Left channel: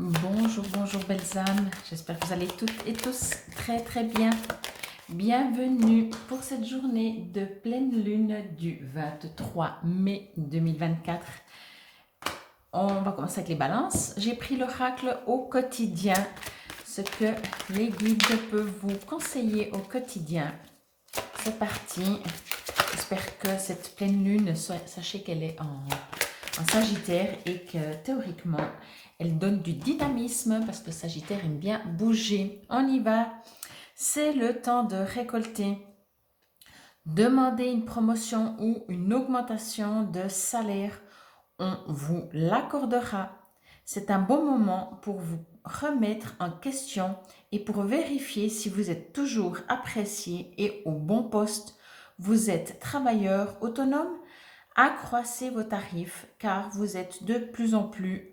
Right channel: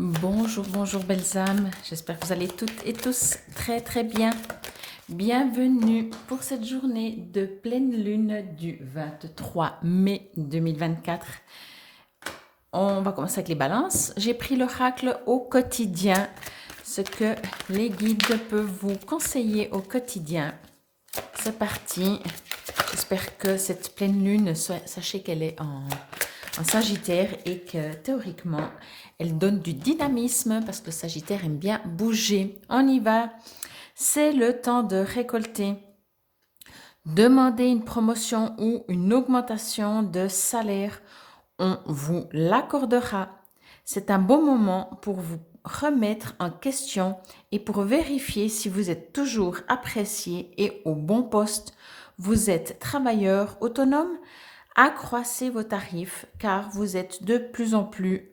Bonjour, bonjour belles âmes, j'espère que vous allez toutes et tous très très bien. Bienvenue pour cette journée de pleine lune du 23 mai 2024. On va commencer avec les balances. J'ai pris l'oracle au quotidien, ce que les guides peuvent vous conseiller au quotidien. C'est parti. J'espère que cette pleine lune, sachez qu'elle est en Sagittaire et que théoriquement, elle donne du dynamisme parce que le Sagittaire aime bien bouger. On y va. C'est le temps de récolter. Demandez une promotion ou une augmentation de salaire. On vous l'accordera. C'est un bon moment pour vous remettre en question et pour vérifier si vous êtes toujours apprécié et au bon poste. Vous êtes travailleur autonome. Accroissez vos tarifs car vous êtes de plus en plus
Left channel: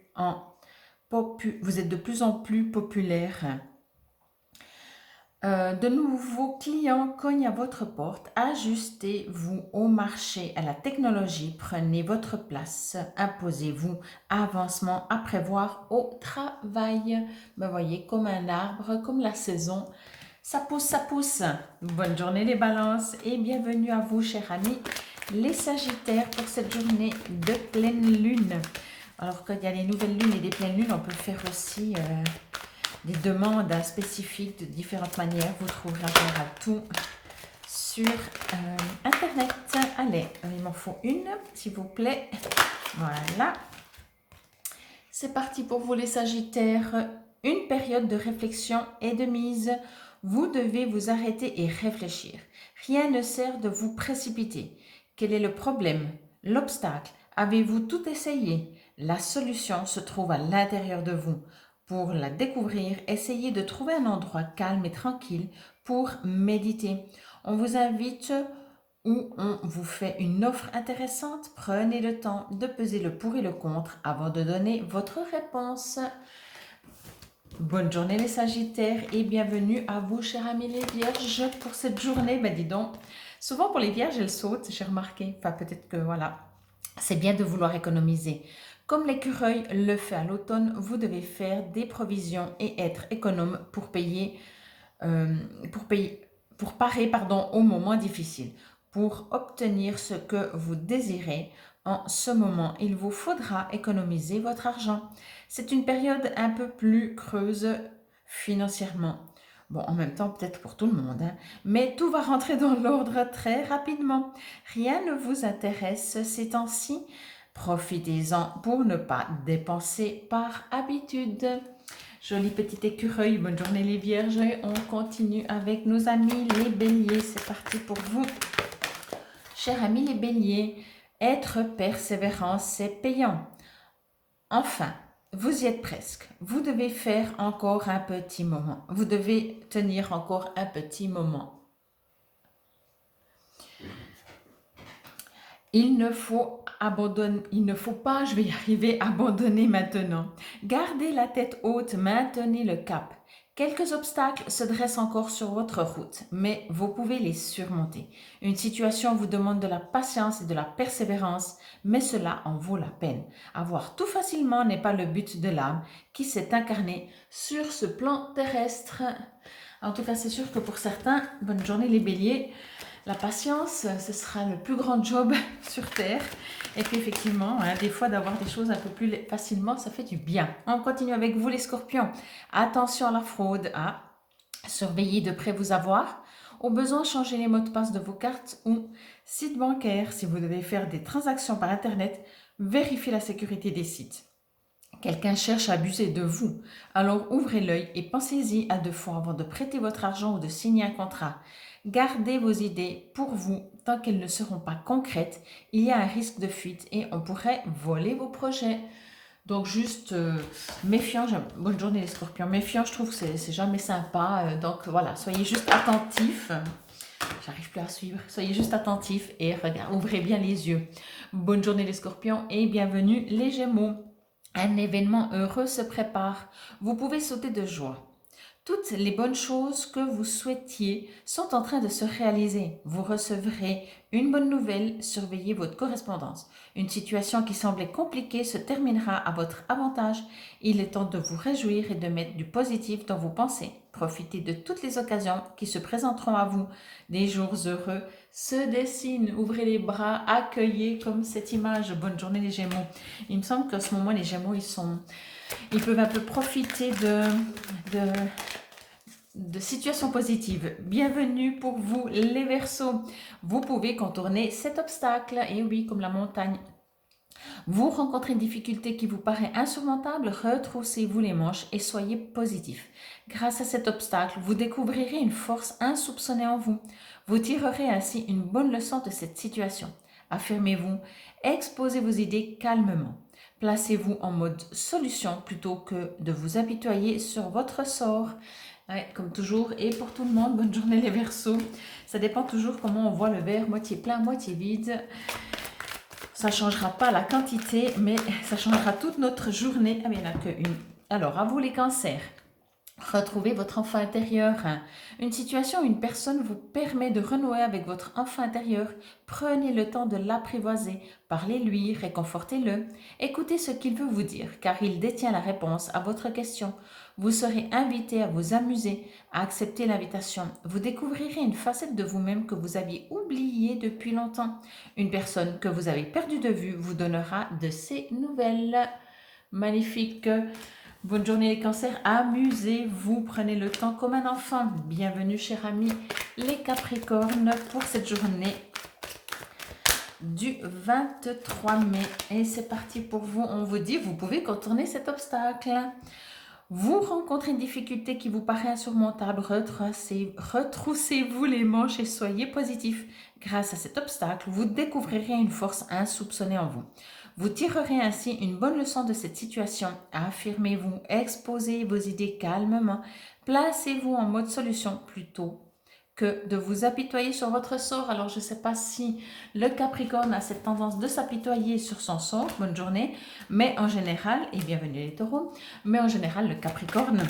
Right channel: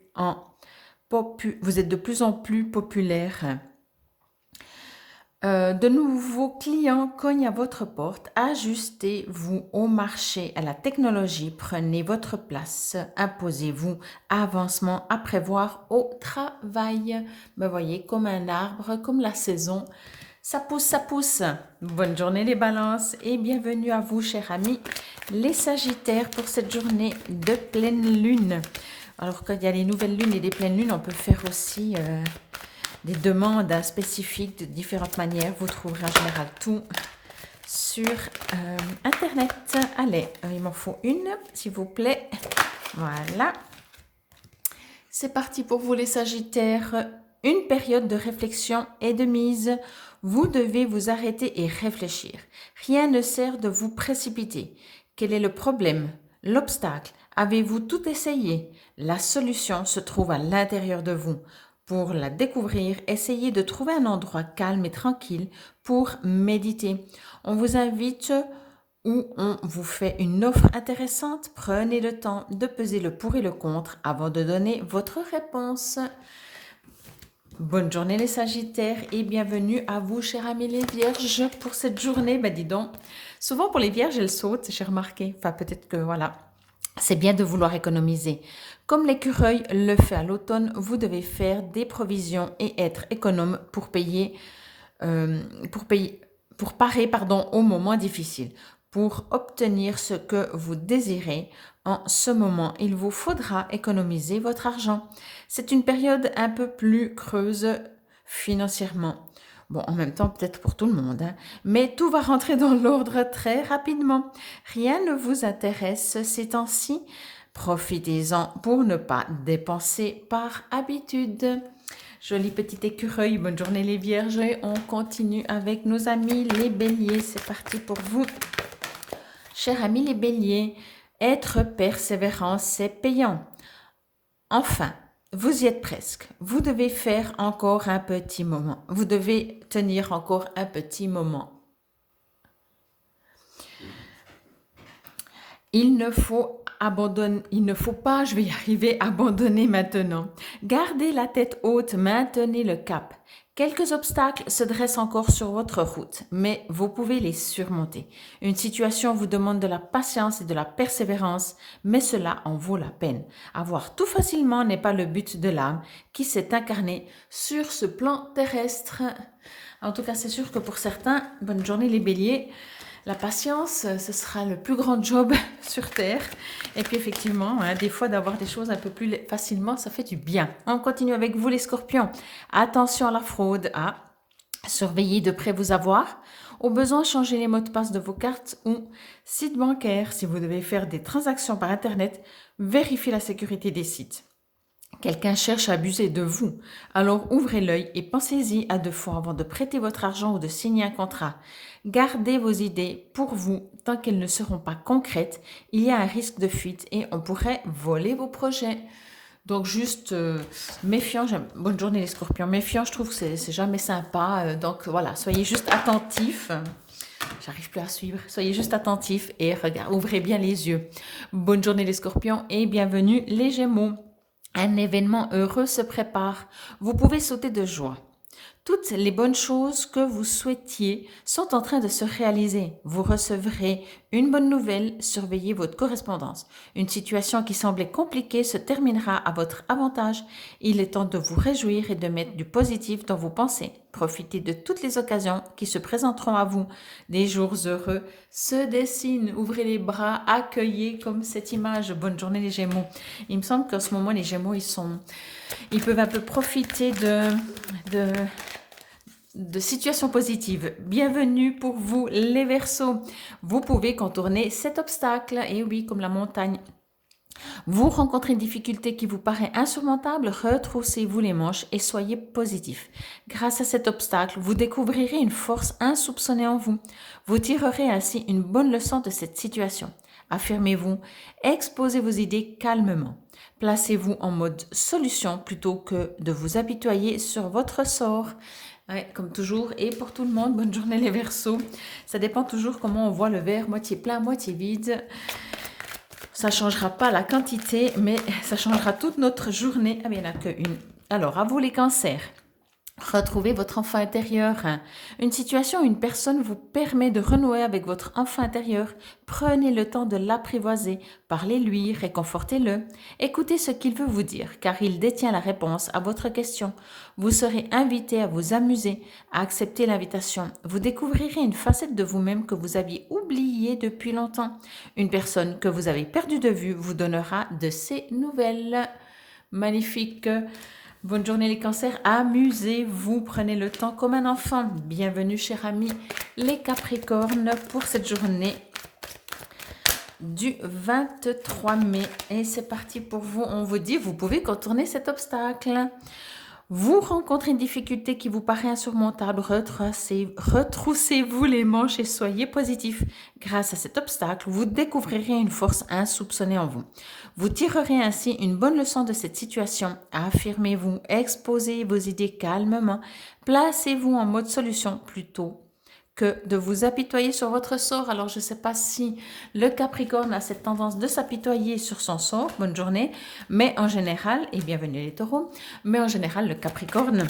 populaire. De nouveaux clients cognent à votre porte. Ajustez-vous au marché, à la technologie. Prenez votre place. Imposez-vous. Avancement à prévoir au travail. Ben, voyez, comme un arbre, comme la saison. Ça pousse, ça pousse. Bonne journée les balances et bienvenue à vous, chers amis, les sagittaires, pour cette journée de pleine lune. Alors, quand il y a les nouvelles lunes et les pleines lunes, on peut faire aussi des demandes spécifiques de différentes manières. Vous trouverez en général tout sur Internet. Allez, il m'en faut une, s'il vous plaît. Voilà. C'est parti pour vous les sagittaires. Une période de réflexion et de mise. Vous devez vous arrêter et réfléchir. Rien ne sert de vous précipiter. Quel est le problème? L'obstacle? Avez-vous tout essayé? La solution se trouve à l'intérieur de vous. Pour la découvrir, essayez de trouver un endroit calme et tranquille pour méditer. On vous invite ou on vous fait une offre intéressante. Prenez le temps de peser le pour et le contre avant de donner votre réponse. Bonne journée les sagittaires et bienvenue à vous, chers amis les vierges, pour cette journée. Ben dis donc, souvent pour les vierges, elles sautent, j'ai remarqué. Enfin, peut-être que voilà, c'est bien de vouloir économiser. Comme l'écureuil le fait à l'automne, vous devez faire des provisions et être économe pour parer aux moments difficiles. Pour obtenir ce que vous désirez, en ce moment, il vous faudra économiser votre argent. C'est une période un peu plus creuse financièrement. Bon, en même temps, peut-être pour tout le monde, hein. Mais tout va rentrer dans l'ordre très rapidement. Rien ne vous intéresse ces temps-ci. Profitez-en pour ne pas dépenser par habitude. Joli petit écureuil, bonne journée les vierges. On continue avec nos amis les béliers. C'est parti pour vous. Chers amis les béliers, être persévérant, c'est payant. Enfin, vous y êtes presque. Vous devez faire encore un petit moment. Vous devez tenir encore un petit moment. Il ne faut pas, je vais y arriver, abandonner maintenant. Gardez la tête haute, maintenez le cap. Quelques obstacles se dressent encore sur votre route, mais vous pouvez les surmonter. Une situation vous demande de la patience et de la persévérance, mais cela en vaut la peine. Avoir tout facilement n'est pas le but de l'âme qui s'est incarnée sur ce plan terrestre. En tout cas, c'est sûr que pour certains, bonne journée les béliers, la patience, ce sera le plus grand job sur Terre. Et puis effectivement, hein, des fois d'avoir des choses un peu plus facilement, ça fait du bien. On continue avec vous les scorpions. Attention à la fraude. Surveillez de près vos avoirs. Au besoin, changez les mots de passe de vos cartes ou sites bancaires. Si vous devez faire des transactions par Internet, vérifiez la sécurité des sites. Quelqu'un cherche à abuser de vous, alors ouvrez l'œil et pensez-y à 2 fois avant de prêter votre argent ou de signer un contrat. Gardez vos idées pour vous tant qu'elles ne seront pas concrètes. Il y a un risque de fuite et on pourrait voler vos projets. Donc juste méfiant, bonne journée les scorpions, méfiant, je trouve que c'est jamais sympa. Donc voilà, soyez juste attentifs. J'arrive plus à suivre. Soyez juste attentifs et ouvrez bien les yeux. Bonne journée les scorpions et bienvenue les gémeaux. Un événement heureux se prépare. Vous pouvez sauter de joie. Toutes les bonnes choses que vous souhaitiez sont en train de se réaliser. Vous recevrez une bonne nouvelle, surveillez votre correspondance. Une situation qui semblait compliquée se terminera à votre avantage. Il est temps de vous réjouir et de mettre du positif dans vos pensées. Profitez de toutes les occasions qui se présenteront à vous. Des jours heureux se dessinent. Ouvrez les bras, accueillez comme cette image. Bonne journée les Gémeaux. Il me semble qu'en ce moment les Gémeaux, ils peuvent un peu profiter de situations positives. Bienvenue pour vous les Verseaux. Vous pouvez contourner cet obstacle. Et oui, comme la montagne. Vous rencontrez une difficulté qui vous paraît insurmontable, retroussez-vous les manches et soyez positif. Grâce à cet obstacle, vous découvrirez une force insoupçonnée en vous. Vous tirerez ainsi une bonne leçon de cette situation. Affirmez-vous, exposez vos idées calmement. Placez-vous en mode solution plutôt que de vous apitoyer sur votre sort. Ouais, comme toujours, et pour tout le monde, bonne journée les Verseaux. Ça dépend toujours comment on voit le verre, moitié plein, moitié vide. Ça ne changera pas la quantité, mais ça changera toute notre journée. Ah, mais il n'y en a qu'une. Alors, à vous les cancers. Retrouvez votre enfant intérieur. Une situation ou une personne vous permet de renouer avec votre enfant intérieur. Prenez le temps de l'apprivoiser. Parlez-lui, réconfortez-le. Écoutez ce qu'il veut vous dire, car il détient la réponse à votre question. Vous serez invité à vous amuser, à accepter l'invitation. Vous découvrirez une facette de vous-même que vous aviez oubliée depuis longtemps. Une personne que vous avez perdue de vue vous donnera de ses nouvelles. Magnifique. Bonne journée les cancers, amusez-vous, prenez le temps comme un enfant. Bienvenue chers amis les capricornes pour cette journée du 23 mai. Et c'est parti pour vous, on vous dit, vous pouvez contourner cet obstacle. Vous rencontrez une difficulté qui vous paraît insurmontable, retroussez-vous les manches et soyez positif. Grâce à cet obstacle, vous découvrirez une force insoupçonnée en vous. Vous tirerez ainsi une bonne leçon de cette situation. Affirmez-vous, exposez vos idées calmement, placez-vous en mode solution plutôt que de vous apitoyer sur votre sort. Alors, je ne sais pas si le Capricorne a cette tendance de s'apitoyer sur son sort. Bonne journée. Mais en général, et bienvenue les taureaux, mais en général, le Capricorne,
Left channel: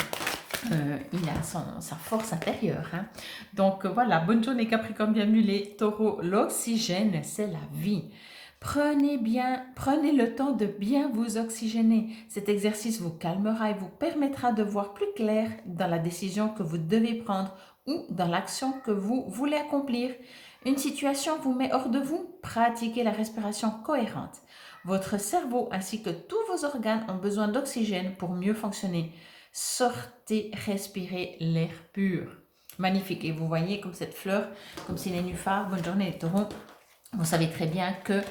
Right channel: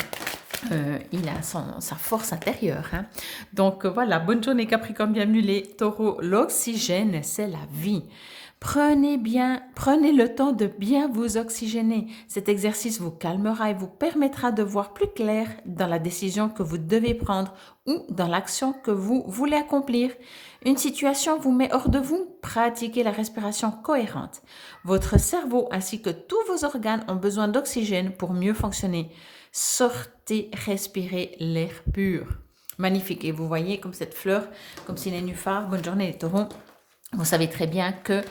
il a sa force intérieure. Hein. Donc, voilà, bonne journée Capricorne, bienvenue les taureaux. L'oxygène, c'est la vie. Prenez le temps de bien vous oxygéner. Cet exercice vous calmera et vous permettra de voir plus clair dans la décision que vous devez prendre ou dans l'action que vous voulez accomplir. Une situation vous met hors de vous, pratiquez la respiration cohérente. Votre cerveau ainsi que tous vos organes ont besoin d'oxygène pour mieux fonctionner. Sortez, respirez l'air pur. Magnifique. Et vous voyez comme cette fleur, comme si les nénuphars. Bonne journée les taureaux. Vous savez très bien que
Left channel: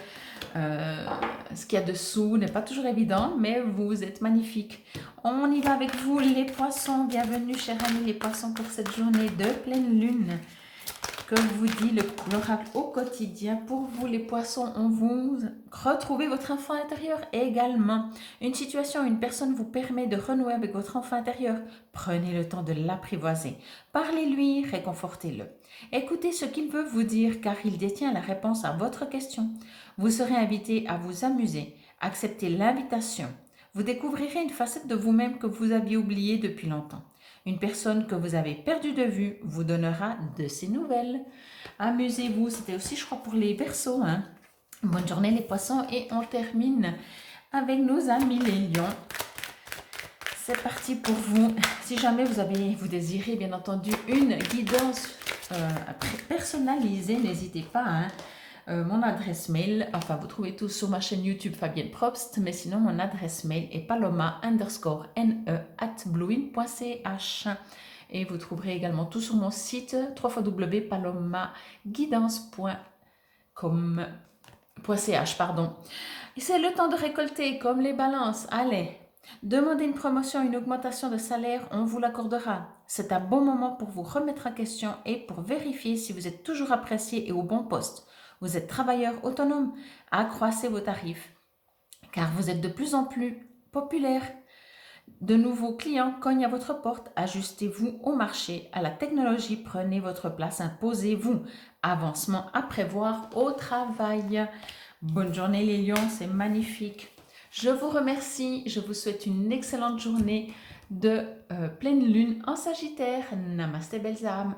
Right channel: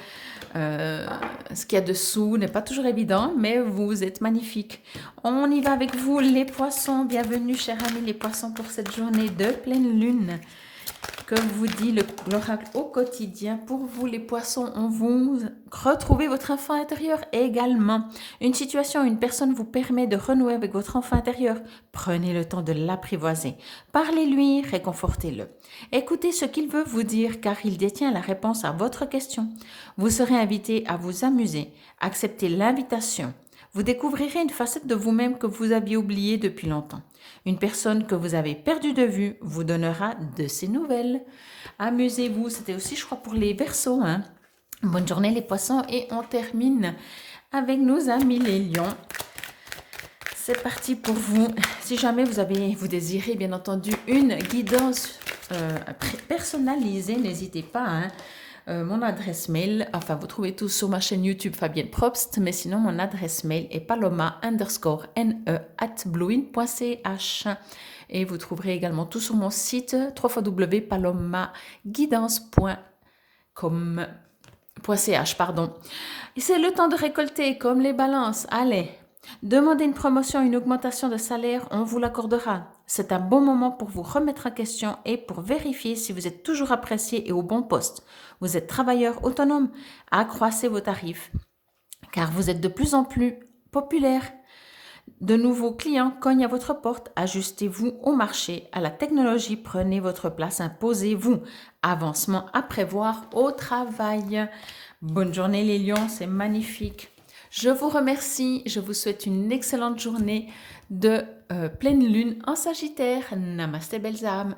ce qu'il y a dessous n'est pas toujours évident, mais vous êtes magnifique. On y va avec vous les poissons. Bienvenue chers amis les poissons pour cette journée de pleine lune. Que vous dit l'oracle au quotidien. Pour vous les poissons, on vous retrouvez votre enfant intérieur également. Une situation, une personne vous permet de renouer avec votre enfant intérieur. Prenez le temps de l'apprivoiser. Parlez-lui, réconfortez-le. Écoutez ce qu'il veut vous dire car il détient la réponse à votre question. Vous serez invité à vous amuser. Acceptez l'invitation. Vous découvrirez une facette de vous-même que vous aviez oubliée depuis longtemps. Une personne que vous avez perdue de vue vous donnera de ses nouvelles. Amusez-vous, c'était aussi je crois pour les Verseaux. Hein. Bonne journée les poissons et on termine avec nos amis les lions. C'est parti pour vous. Si jamais vous désirez bien entendu une guidance personnalisée, n'hésitez pas. Hein. Mon adresse mail, enfin vous trouvez tout sur ma chaîne YouTube Fabienne Probst, mais sinon mon adresse mail est paloma_ne@bluin.ch et vous trouverez également tout sur mon site www.palomaguidance.ch Et c'est le temps de récolter comme les balances. Allez, demandez une promotion, une augmentation de salaire, on vous l'accordera. C'est un bon moment pour vous remettre en question et pour vérifier si vous êtes toujours apprécié et au bon poste. Vous êtes travailleur autonome, accroissez vos tarifs car vous êtes de plus en plus populaire. De nouveaux clients cognent à votre porte, ajustez-vous au marché, à la technologie, prenez votre place, imposez-vous. Avancement à prévoir au travail. Bonne journée les lions, c'est magnifique. Je vous remercie, je vous souhaite une excellente journée. de pleine lune en Sagittaire. Namasté belles âmes.